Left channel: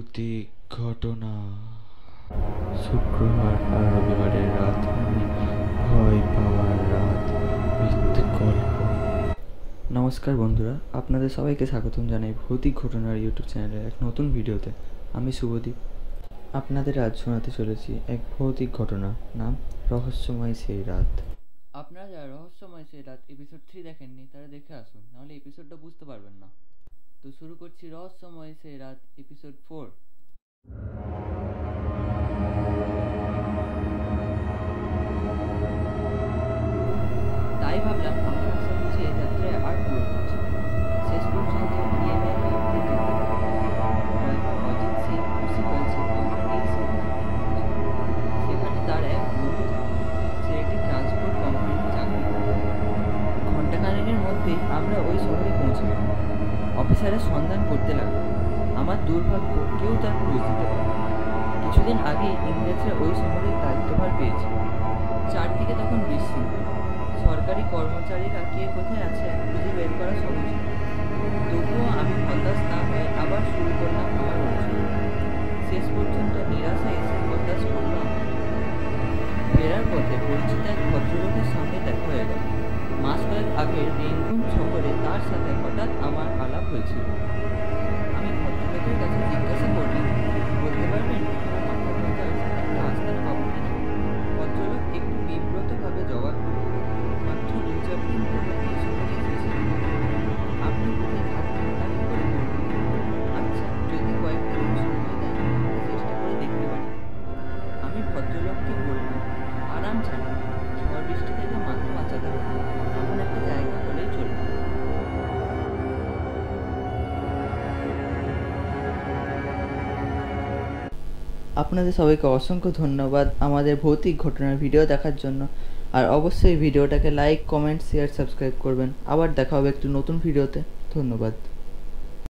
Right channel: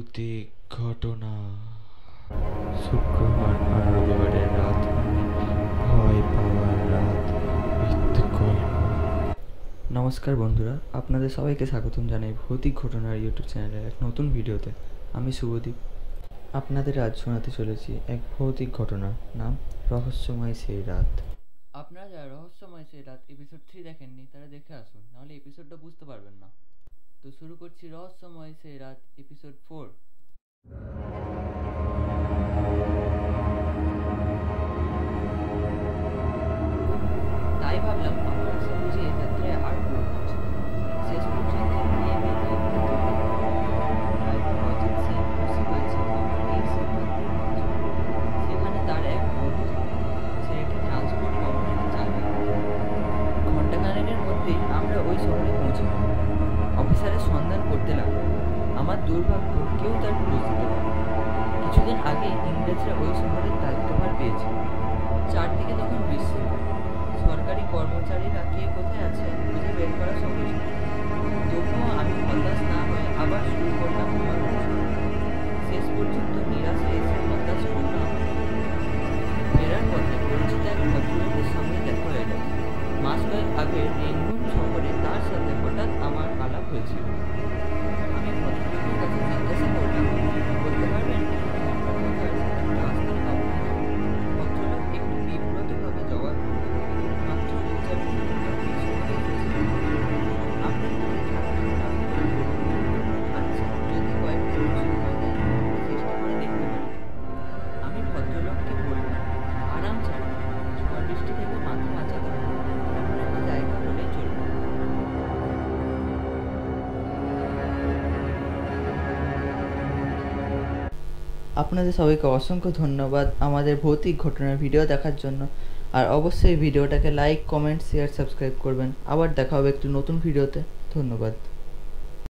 ভৌতিক ঘটনা। শুক্রবার আর রবিবারের রাত মানে ভয় পাওয়ার রাত উইথ গল্প। নমস্কার বন্ধুরা, আপনাদের সবাইকে স্বাগতম জানাই ভৌতিক ঘটনার ইউটিউব চ্যানেলের এক নতুন ভিডিওতে। আমি শুভদীপ। আপনাদের আজ শোনাতে চলেছি এক ভৌতিক ঘটনা, নাম রহস্যময় সেই রাত। আপনারা যারা রহস্যময় সেই রাত এপিসোড 3 দেখেননি তারা দেখে আসুন, নাহলে এপিসোডটা বুঝতে পারবেন না। তো শুরু করছি রহস্যময় সেই রাত এপিসোড 4। তাই ভাবলাম আমার আশা বুঝিয়ে যাত্রায় আর পূরণ হচ্ছে। শেষ পর্যন্ত ইএমএলওতে যেতে হবে। ড্রাইভার অজিত সিং খুশি হয়েছে আমার এই সিদ্ধান্তের কথা শুনে। সেখানে তার এক বন্ধু থাকে, ছেলেটি ট্রান্সপোর্ট কোম্পানিতে চাকরি করে। ঘণ্টাখানেকের মধ্যেই আমরা ওই শহরে পৌঁছে গেলাম। অফিসারের সন্ধান করতে লাগলো। আমার দুর্ভাগ্য, কেউ তার খোঁজ দিতে পারল না। কিছুদিন আগেই ইংরেজরা ওই শহরের দায়িত্বভার পেয়েছে। চারদিকে তখন বিশৃঙ্খলা। সরকারি কর্মচারীরা কে কোথায় আছেন খুঁজে বের করা সহজ নয়। তবুও আমি হতাশ না হয়ে আবার শুরু করলাম আমার অনুসরণ। শেষ পর্যন্ত নিরাশা এসে হতাশ করলো আমাকে। ফেরার পথে পরিচিত এক ভদ্রলোকের সঙ্গে দেখা হয়ে গেল। মাস কয়েক আগে রেঙ্গুন শহরে তার সাথে হঠাৎ আমার আলাপ হয়েছিল। আমি ভদ্রলোকের কাছে জিজ্ঞাসা করলাম, বলতে পারবেন এখানে মাথা গোঁজার একটা আস্তানা পাবো কিনা? ভদ্রলোক একটু বিব্রতভাবে জবাব দিল, মাত্র 2-4 দিন হলো এই শহরে এসেছি। আপনি কোথায় থাকবেন তা কী করে বলবো? আচ্ছা, যদি কয়েকটা দিন সময় দেন তাহলে চেষ্টা করে দেখতে পারি। আমি ভদ্রলোককে বললাম, আরাম চাই, ঝড় বৃষ্টি থেকে মাথা বাঁচাতে হবে, এমন একটা জায়গা হলেই চলবে। আপনাদের সবাইকে অসংখ্য ধন্যবাদ আমাদের ভৌতিক ঘটনার ভিডিও দেখার জন্য। আর অবশ্যই ভিডিওটাকে লাইক, কমেন্ট, শেয়ার, সাবস্ক্রাইব করবেন। আবার দেখা হবে একটি নতুন ভিডিওতে। ধন্যবাদ।